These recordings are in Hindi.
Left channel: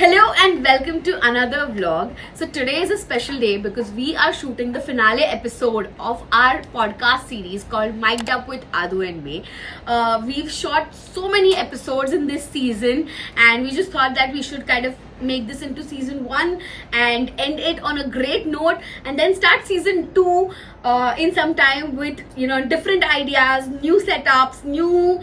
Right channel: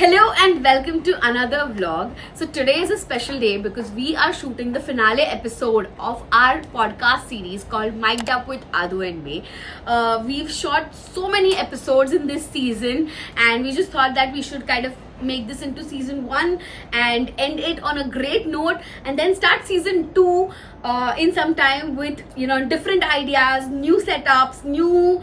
Hello and welcome to another vlog. So today is a special day because we are shooting the finale episode of our podcast series called Mic'd Up with Adu and May. We've shot so many episodes in this season and we just thought that we should kind of make this into season 1 and end it on a great note and then start season 2 in some time with different ideas, new setups, new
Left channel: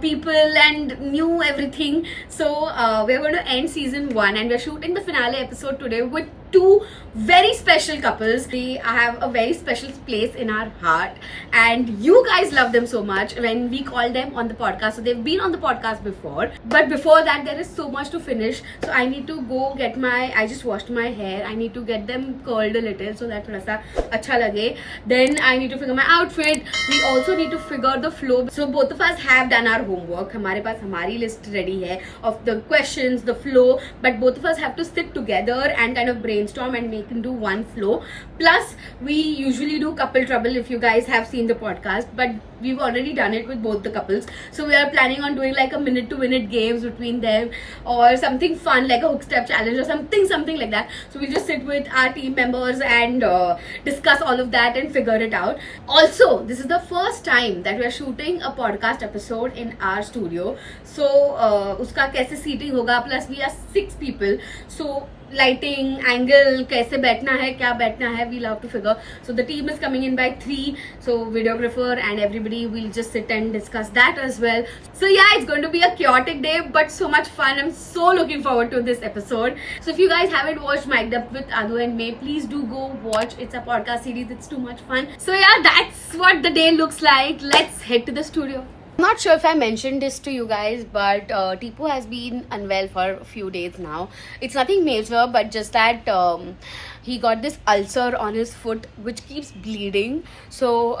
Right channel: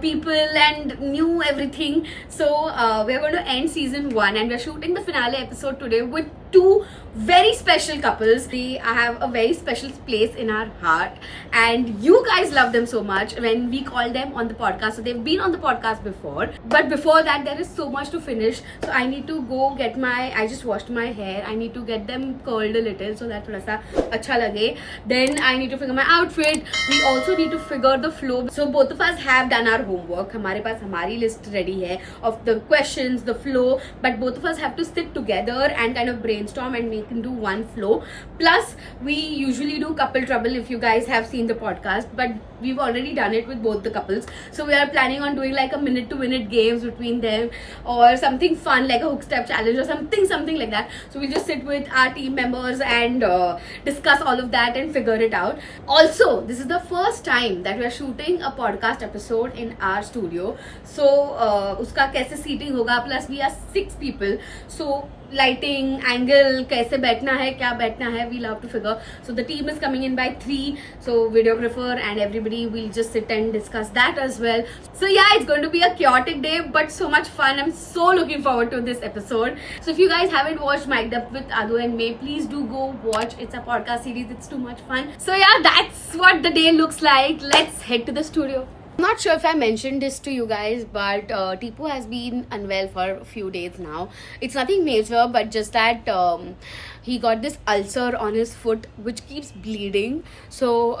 people and new everything. So we're going to end season 1 and we're shooting the finale episode today with two very special couples. They have a very special place in our heart and you guys love them so much when we call them on the podcast. So they've been on the podcast before, but before that there is so much to finish. So I need to go get I just washed my hair. I need to get them curled a little so that thoda sa acha lage. Then I need to figure my outfit. We also need to figure the flow. So both of us have done our homework. हमारे पास हमारी list ready है of the questions, the flow, but both of us have to sit together and kind of brainstorm and make into one flow. Plus we usually do couple trouble if you guys have seen the podcast, but we've already done it with both the couples. So we are planning on doing like a minute to minute games between them or something fun like a hook step challenge or something like that. So we just sit with our team members and discuss all of that and figure it out. Also, this is the first time that we're shooting a podcast episode in our studio. So uska kaise seating hoga, plus we are 6 people. So lighting, angle, kaise बैठना है, क्या बैठना है, we'll have to figure. So the team is coming in by 3. So videographer and everybody will just sit and discuss that as well. So yeah, it's going to be a chaotic day, but so much fun. I'm so looking forward to this episode. So if you guys haven't watched Mic'd Up with Adu and May, please do go watch. It's a podcast series. It's too much fun. So yeah, that's what the day looks like. Let's head to the studio. I'm not sure if I mentioned this to you guys, but Tipu has been unwell for a few days now. It's nothing major, but just that he got this ulcer on his foot which keeps bleeding. So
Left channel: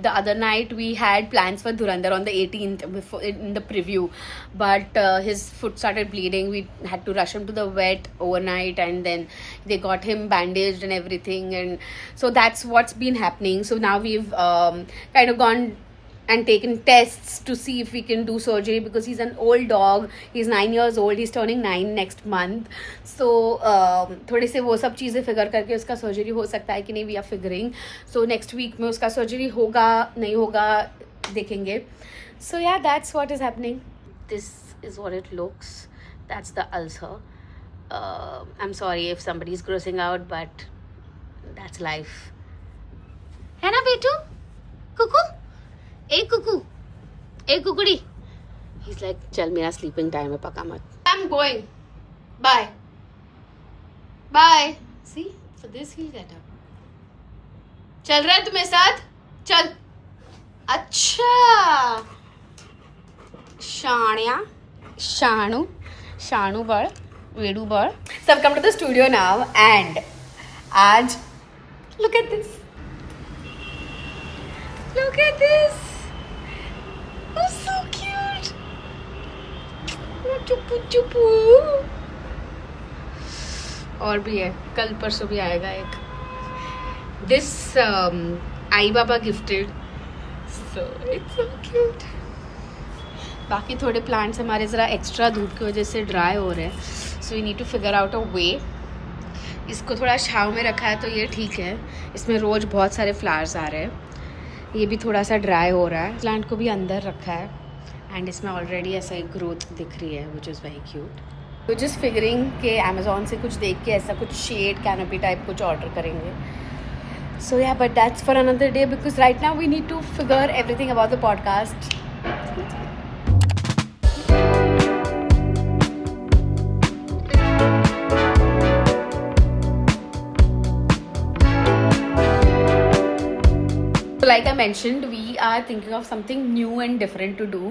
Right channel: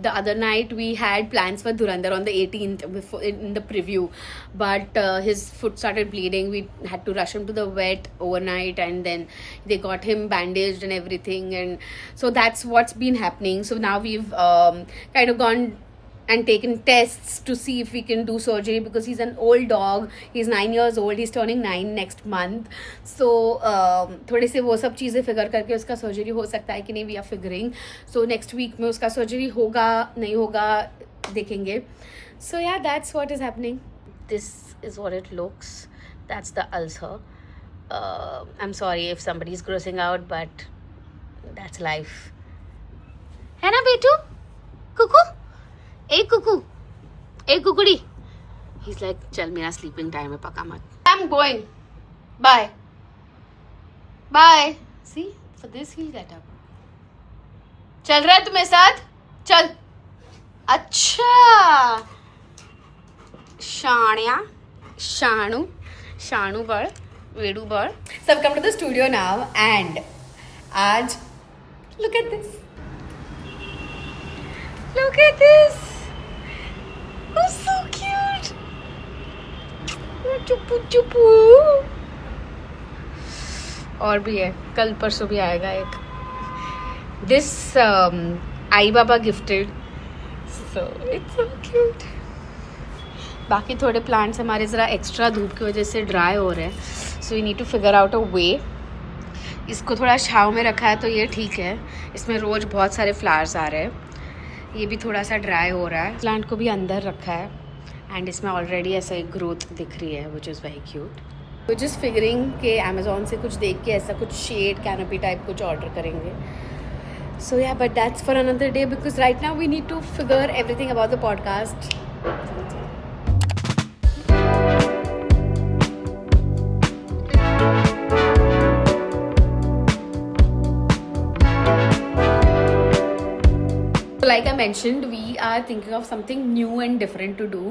the other night we had plans for Dhurandhar on the 18th before in the preview, but his foot started bleeding. We had to rush him to the vet overnight and then they got him bandaged and everything, and so that's what's been happening. So now we've kind of gone and taken tests to see if we can do surgery because he's an old dog. He's 9 years old. He's turning 9 next month. So थोड़े से वो सब चीज़ें फिगर करके उसका सर्जरी हो सकता है कि नहीं, we are figuring. So next week में उसका सर्जरी होगा नहीं होगा देखेंगे. So yeah, that's what is happening. This is what it looks. That's the ulcer. I'm sorry if somebody is grossing out, but that's life. है ना बेटू? कुकू? एक कुकू, एक कुकड़ी. He's like, चल मेरा sleeping time है, पका मत. I'm going. Bye. Bye. See, for this he'll get up. चल रहा है तुम्हें साथ? चल. अच्छा. शाणिया, शाणु, शाणु बड़, वेडू बड़. So I've come to the studio now and आज, look at this. Look at this. Oh, so cute. चुप्पू चुप्पू. और भी है, कल परसों भी आएगा एक. This I Baba gifted. So it's so cute. बाकी थोड़े प्लांट्स हमारे ज़रा एक्स्ट्रा धूप की वजह से ड्राई हो रहे हैं. So we need to figure out a way. इसको थोड़ा छाँव में रखा है तो ये ठीक है. इसमें रोज़ बहुत सारे फ्लावर्स आ रहे हैं. ये भी थोड़ा सा ड्राई हो रहा है. प्लांट को भी अंदर रखा है एंड इसमें ऑलरेडी ऐसा एक ग्रोथ दिख रही है विच इज़ वेरी क्यूट. तो जस्ट फिगरिंग के अमेजोन से कुछ देख के ऐसा कुछ शेड कैनोपी टाइप कुछ ऑर्डर करेंगे. सो या but that's for another day because right now we need to figure everything about the podcast. Like I mentioned, we are thinking of something new and different to do,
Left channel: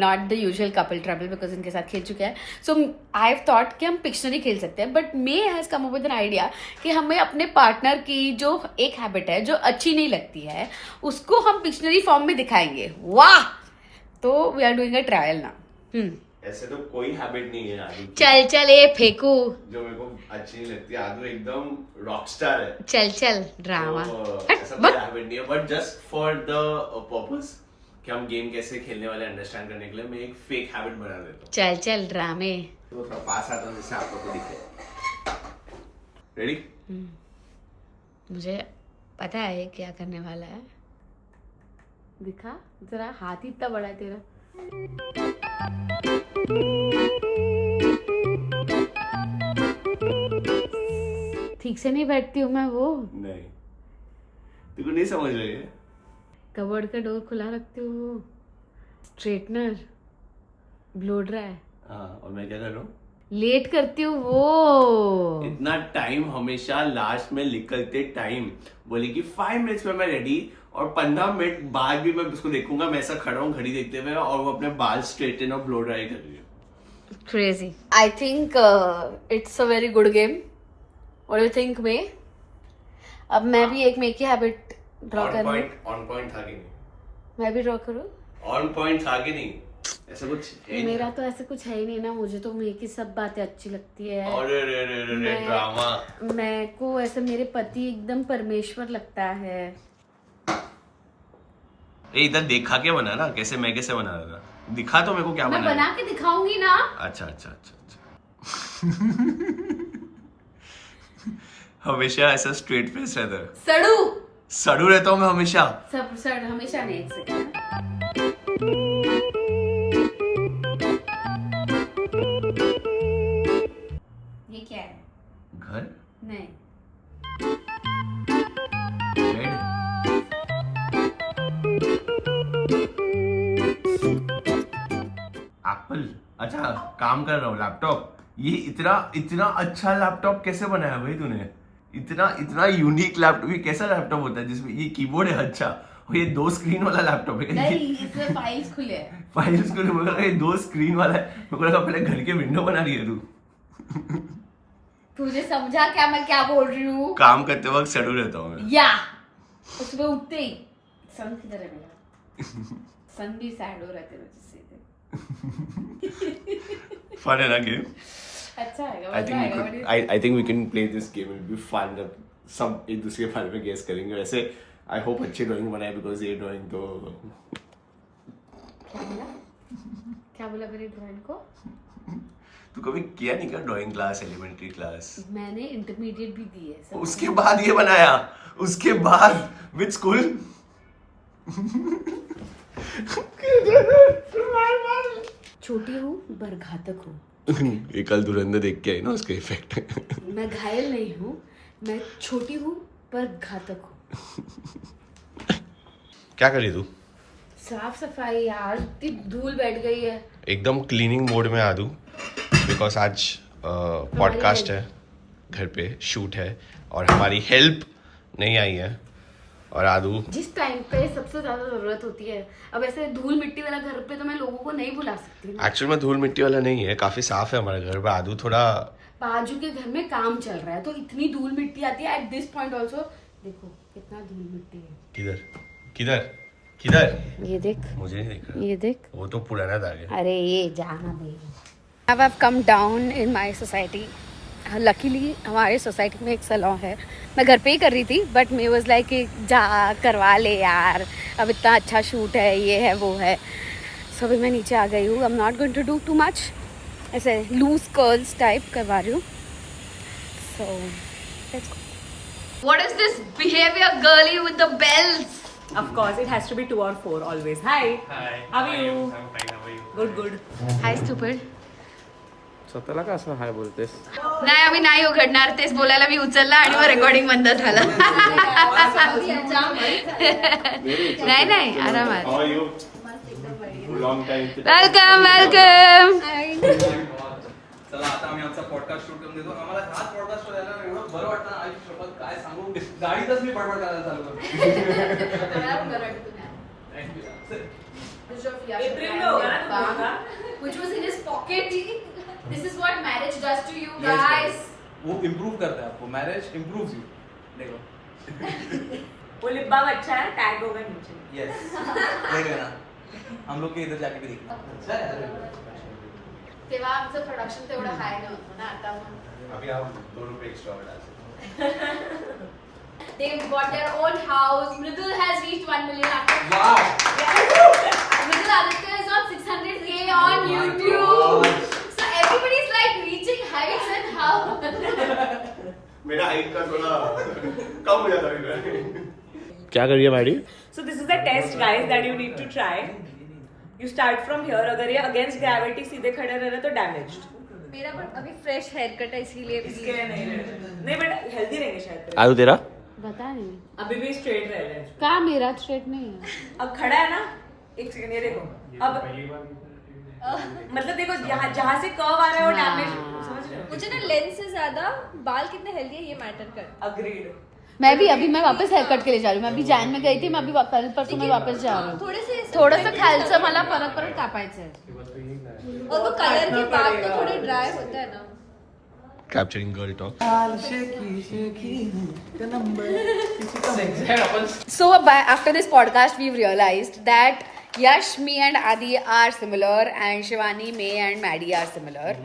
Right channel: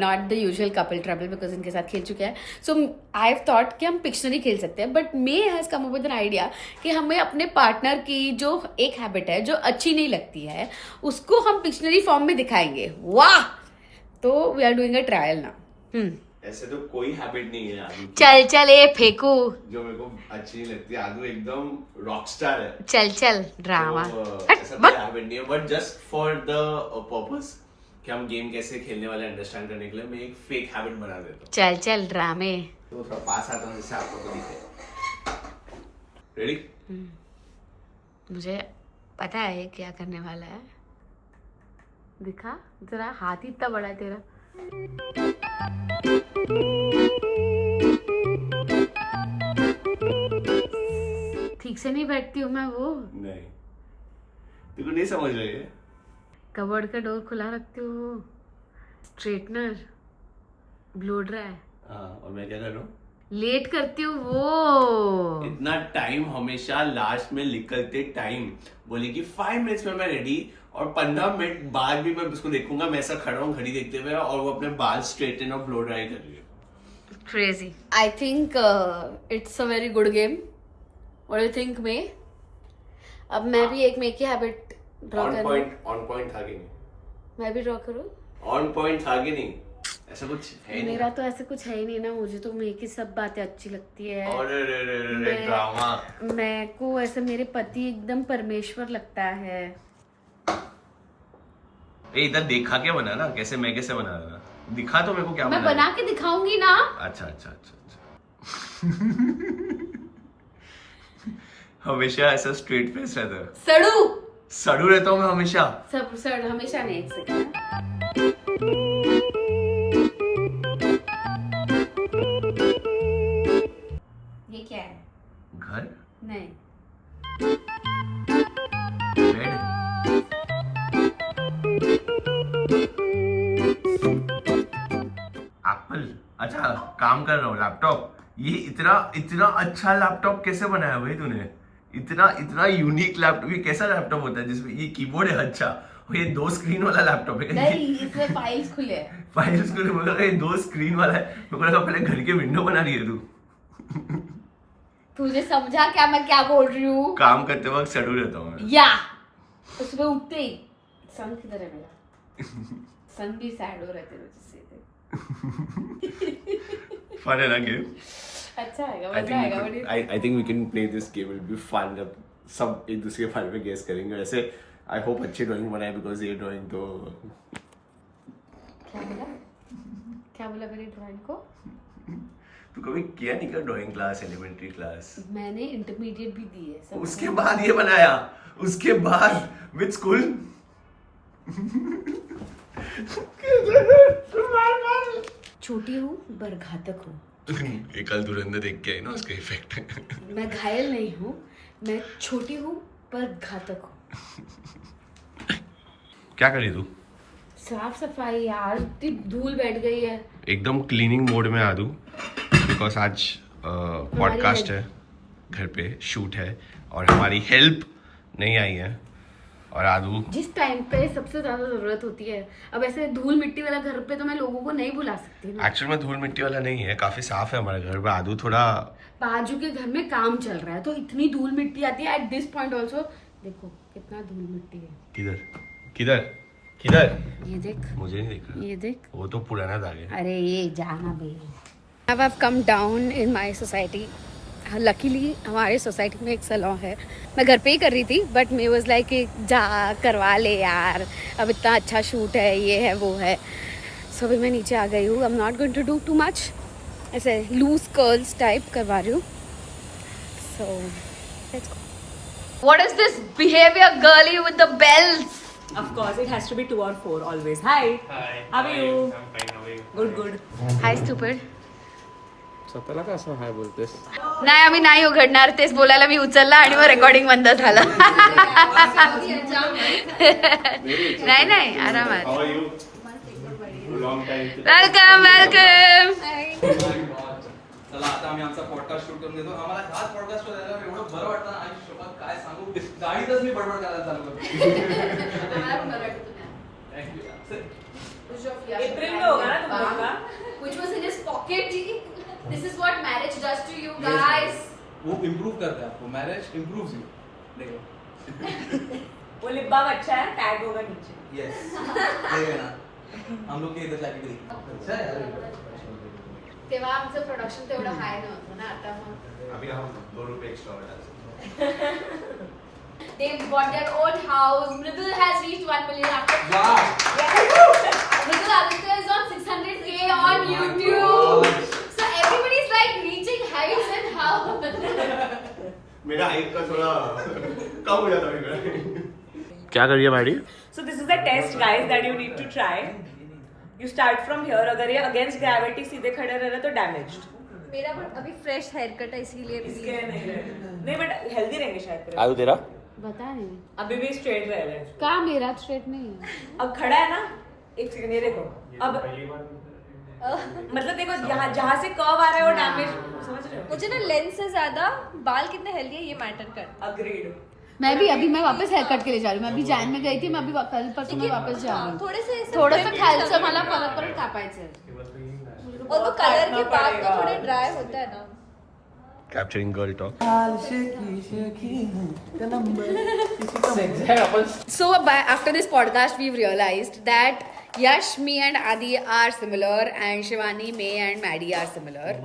not the usual couple trouble because इनके साथ खेल चुके हैं. So I've thought कि हम Pictionary खेल सकते हैं, but May has come up with an idea कि हमें अपने पार्टनर की जो एक हैबिट है जो अच्छी नहीं लगती है उसको हम Pictionary फॉर्म में दिखाएंगे. वाह! तो we are doing a trial now. ऐसे तो कोई हैबिट नहीं है आदू की चल चल ये फेंकू जो मेरे को अच्छी नहीं लगती. आदू एकदम रॉकस्टार है. चल चल ड्रामा. तो ऐसा कोई हैबिट नहीं है, but just for the purpose कि हम गेम कैसे खेलने वाले अंडरस्टैंड करने के लिए मैं एक फेक हैबिट बना देता हूँ। चल चल ड्रामे। तो थोड़ा पास आता हूँ जिससे आप लोगों को दिखे। रेडी? मुझे पता है क्या करने वाला है। दिखा जरा, हाथ ही इतना बड़ा है तेरा। ठीक से नहीं बैठती हूँ मैं वो। नहीं, तुमको नहीं समझ रही है? कबर्ड का डोर खुला रखती हूँ वो। Straightener blow dry. हाँ, और मैं क्या कर रहा हूँ? लेट करती हूँ वो। इतना टाइम हमेशा लास्ट में निकलते टाइम बोले कि 5 मिनट्स में मैं रेडी, और 15 मिनट बाद भी मैं उसको देखूंगा, मैं ऐसा खड़ा हूँ घड़ी देखते हुए और वो अपने बाल स्ट्रेटन और ब्लो ड्राई कर रही है। Crazy. I think it's a very good game. What do you think, May? अब मैं भी एक मेक की हैबिट ड्रॉ ऑन करूँ। पॉइंट था कि नहीं? मैं भी ड्रॉ करूँ? ऑन पॉइंट था कि नहीं? ऐसा कुछ है मेरा तो ऐसे कुछ है ही नहीं ना। मुझे तो मेक की सब बातें अच्छी लगती है। अरे ड्रामा। मैं को ऐसे मेरे पति एकदम परमेश्वर लगता है। इधर देखा के बना ना, कैसे मैं कैसे बना रहा था? दिखा तो मेरे को क्या मैं बना के दिखाऊंगी ना। अच्छा। हमेशा ऐसा स्ट्रेट फेस रहता है। सड़ू रहता हूँ मैं हमेशा। सब सड़ हमेशा नहीं। एक सेकंड। ये क्या है? घर? नहीं। बेड? एप्पल? अच्छा, काम कर रहा हूँ, लैपटॉप। ये इतना अच्छा लैपटॉप कैसे बनाया भाई तूने? इतना यूनिक लैपटॉप। ये कैसा लैपटॉप होता है जिसमें ये कीबोर्ड है? अच्छा, और ये 2 स्क्रीन वाला लैपटॉप है? नहीं, इसमें फाइल्स खुले हैं। फाइल्स खुले? मुझे लगा ये 2 स्क्रीन वाला है। मेरे को लगा पहले घर के विंडो बना रही है तू। तुझे समझा क्या मैं क्या बोल रही हूँ? काम करते वक्त सड़ू रहता हूँ मैं। या सुबह उठते ही सन किधर है मेरा? सन भी सैड हो रहे थे मुझसे। फन है ना गेम? अच्छा है, मजा आएगा। I think we can play this game. It'll be fun. जब सब एक दूसरे के बारे में गेस करेंगे। वैसे I hope अच्छी ड्राइंग बनाए, because ये ड्राइंग तो क्या बोला मेरी ड्राइंग को? तू कभी किया नहीं क्या ड्राइंग क्लास, एलिमेंट्री क्लास? मैंने इंटरमीडिएट भी दी है। उसके बाद ये बनाया? उसके बाद विद स्कूल? छोटी हूँ पर घातक हूँ। ये कल धुरंधर देख के आई ना, उसका इफेक्ट। मैं घायल नहीं हूँ, मैं छोटी हूँ पर घातक हूँ। क्या करी तू? साफ सफाई यार, इतनी धूल बैठ गई है। एकदम क्लीनिंग मोड में आ दूं, बिकॉज आज पॉडकास्ट है, घर पे शूट है और हमारी हेल्प नहीं आई है। और आदू जिस टाइम पे सबसे ज्यादा जरूरत होती है। अब ऐसे धूल मिट्टी वाला घर पे तो मैं लोगों को नहीं बुला सकती। एक्चुअल में धूल मिट्टी वाला नहीं है, काफी साफ है हमारे घर पे। आदू थोड़ा बाजू के घर में काम चल रहा है तो इतनी धूल मिट्टी आती है। एट दिस पॉइंट ऑल्सो देखो कितना धूल मिट्टी है। किधर किधर किधर? ये देख, मुझे नहीं दिख रहा। ये देख, वो तो पुराना दाग है। अरे ये जाना भी। अब I've come down in my society. Luckily हमारे सोसाइटी में एक सैलून है। मैं घर पे ही कर रही थी बट मैं वाज लाइक जा करवा ले यार, अब इतना अच्छा शूट है, ये है वो है। सो अभी मैं नीचे आ गई हूँ। I am not going to do too much, ऐसे लूज कर्ल्स टाइप करवा रही हूँ। So let's go. What is this behaviour girly with the bells? Of course, it has to be 2 or 4 always. Hi. How are you? Good. Hi stupid. स्वतःला का असं हाय बोलतेस? नाही आम्ही नाही उघडणार, तेच बोलायला मी उचलला आणि मग रेकॉर्डिंग बंद झालं. नाही नाही आरामात. Welcome welcome. चला आता आम्ही आमचा पॉडकास्ट शूट करून देतो. आम्हाला हाच पॉडकास्ट शोधायला एवढं बरं वाटतं ना, आई शपथ काय सांगू. गाडीतच मी बडबड करायला चालू करतो. Which was in his pocket. This is what marriage does to you guys. वो इम्प्रूव करता है आपको. Marriage improves you. देखो वो लिप बाम अच्छा है, टैग होगा नीचे. यस देखेगा ना, हम लोग के इधर जाके भी देखना. तेव्हा आमचं प्रोडक्शन तेवढं हाय नव्हतं ना. आता अभी आप 2 रुपये एक्स्ट्रा में डाल सकते They've got their own house. Mridul has reached 1 million after. Wow. Mridul Aditya is on 600K on YouTube. So everybody's like reaching heights and how? मेरा हाइट का थोड़ा कम हो जाता है क्या करिए Maddie So this is the test, guys, that you need to try. You start from here. अगर ये against gravity सीधे खड़े रह रहे तो damaged. मेरा बट अभी फ्रेश हेयर कट है इसीलिए इसके नहीं but healthy रहेंगे शायद. आयु तेरा बता नहीं अभी भी straight रह रहे हैं. कहाँ मेरा स्ट्रेट नहीं है अब खड़ा है ना, एक सेकंड ये देखो. अब मतलब देखो जहाँ से कर्व आ रहा है वो डैमेज, समझ रहे हो? मुझे ना लेंस से ज्यादा बाल कितने हेल्दी है ये मैटर करता Agreed. मैं भी अभी मैं वापस हेयर कट के लिए जा रही हूँ मैं अभी जैन में गई थी मैं अभी कल परसों मैं वापस जा रही हूँ थोडंसं खालचं मला परत कापायचं वो तो कलर के बाद तो थोड़े ड्राई होते हैं ना capturing girl talk So after this podcast, we've realized that Yash, me and Adi are similar and Shivani, May and Maddie are similar.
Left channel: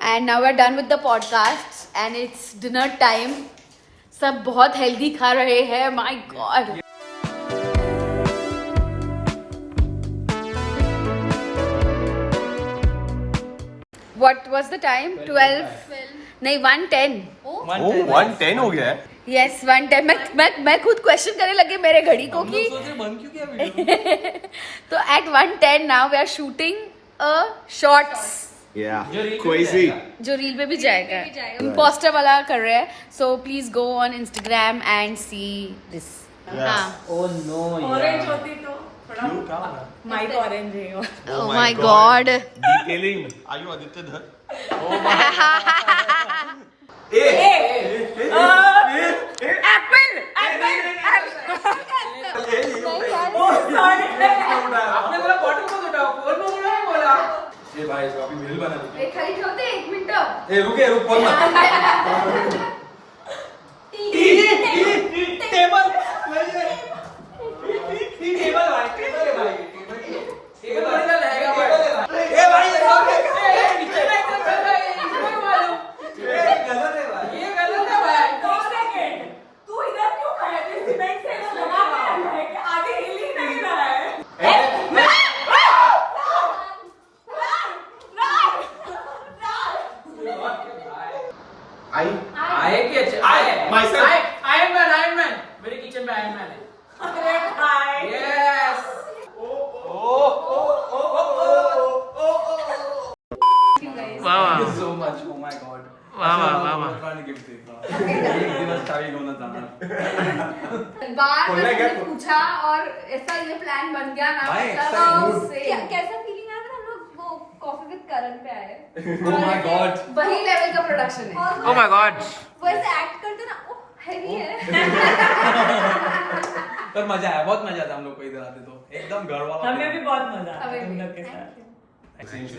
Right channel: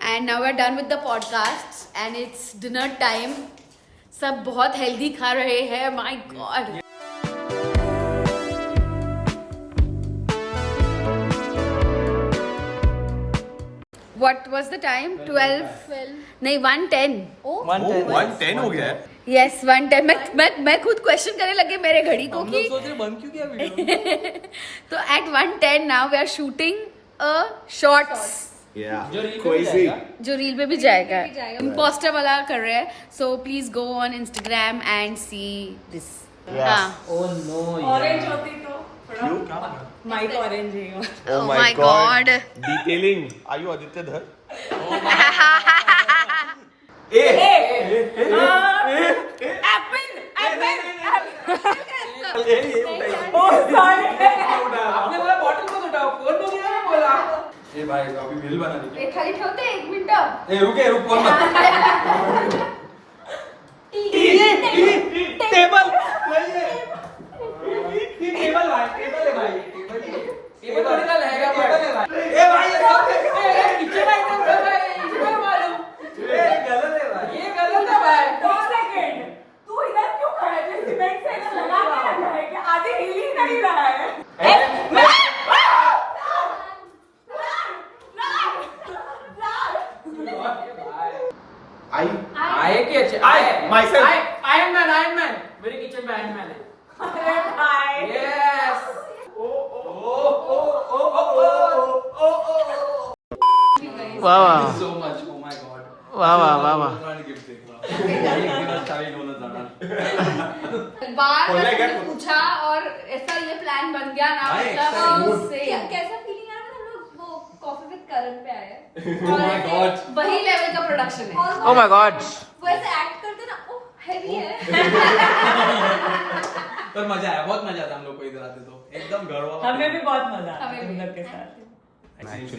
And now we're done with the podcasts and it's dinner time. सब बहुत healthy खा रहे हैं. My God. What was the time? 12? नहीं 1:10. 110 हो गया है Yes, 1:10. मैं खुद क्वेश्चन करने लगे मेरे घड़ी को कि तो at 1:10 now we are shooting a shorts जो रील पे भी जाएगा इम्पोस्टर वाला कर रहे हैं so please go on Instagram and see this हाँ Orange होती तो थोड़ा mic orange है. oh my god डिटेलिंग आयु आदित्य धर Apple. आपने बोला बॉटल को उठाओ, फोन में बोला. ए भाई तो अभी मेल बना दी. खाली ठेवते 1 मिनिट ए रुक फोन मत. टेबल भाई टेबल है भाई टेबल थोड़ी ना रहेगा भाई. ए भाई ये नीचे भाई तो कर भाई इसको मालूम. ये गलत है भाई. ये गलत है भाई. 2 सेकंड. तू इधर क्यों खड़ा है? सीमेंट से ऐसा लगा के रखा है कि आगे हिल ही नहीं रहा है. आए कि अच्छे आए आयरन मैन मेरे किचन में आयरन मैन है. यस वाह so much oh my God वाह वाह वाह वाह गिफ्ट देता एक दिवस चावी घेऊन जाणार. बार खोलला क्या? पूछा और ऐसा ये प्लान बन गया ना भाई, कैसा फीलिंग आ रहा था हम लोग वो कॉफी विद करण पे आए Oh my God. वही लेवल का प्रोडक्शन है और ओह माय गॉड वो ऐसे एक्ट करते ना ओह हैवी है पर मजा आया बहुत मजा आता हम लोग को इधर आते तो एकदम घर वाला. हमें भी बहुत मजा आता है हमें भी. उधर के साथ.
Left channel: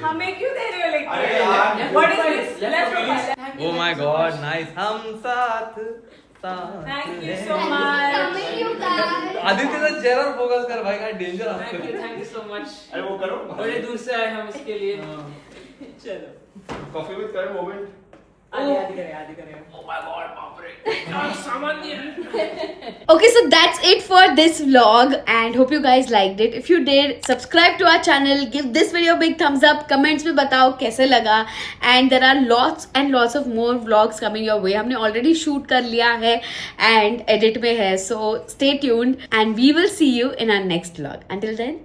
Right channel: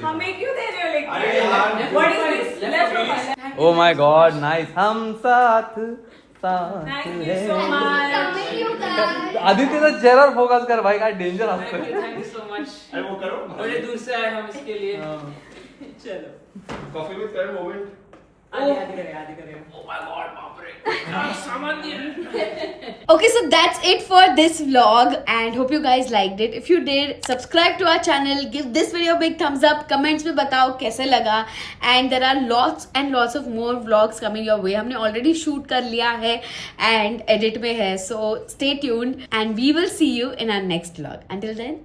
हमें क्यों दे रहे हो लेकिन? अरे यार, What is this? Left profile. Oh my God nice हम साथ Thank you so much. Aditya तो चेहरा फोकस कर भाई काय डेंजर असतं. Thank you so much. अरे वो करो बड़े दूर से आए हम इसके लिए. चलो. कॉफी विद करण मोमेंट आदि करेगा. Okay, so that's it for this vlog and hope you guys liked it. If you did, subscribe to our channel, give this video a big thumbs up, comments में बताओ कैसे लगा and there are lots and lots of more vlogs coming your way. हमने already shoot कर लिया है and edit में है so stay tuned and we will see you in our next vlog. Until then,